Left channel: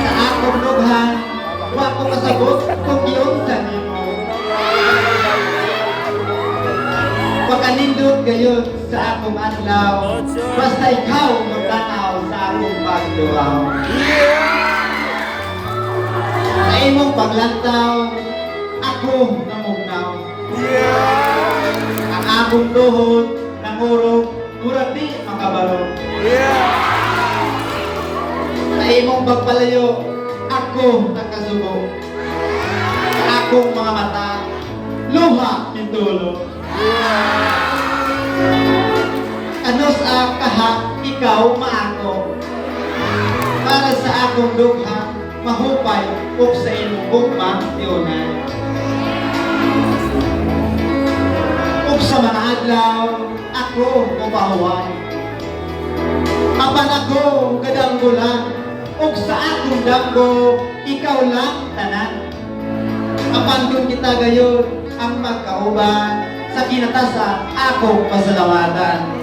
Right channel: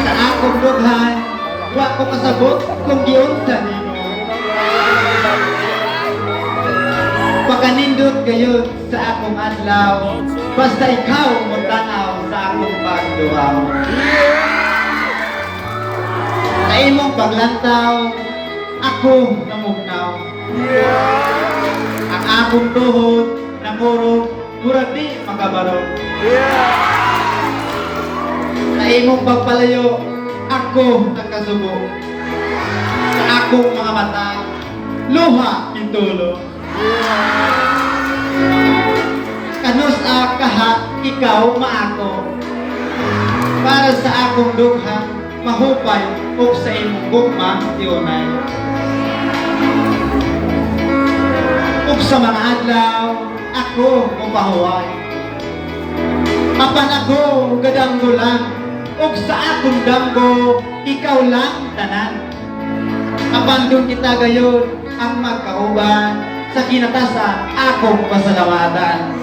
Sa akong lughan, wa ko kasabot kung giunsa nimo. Pakanindot gayud sa akong adlaw, basta ikaw magtanaw sa akong pagduaw. Sa imong paglantaw, ako namugnaw. Ang akong tuhod, namurog, murag di makabarog. Sa imong pagpalayo, ako nagkasubo. Sa akong mga mata, luha intulog. Kanos kaha, ikaw maako. Para sa akong dugha, mahupay ug sa imong gugma iunay. Ug sa mga adlaw, ako mapahuway. Apan ako gadanggulan, ug sa akong damgo, ikaw lang tanan. Apan kung kita gayon ang magkauban, sa kinatasan akong pasalawatan.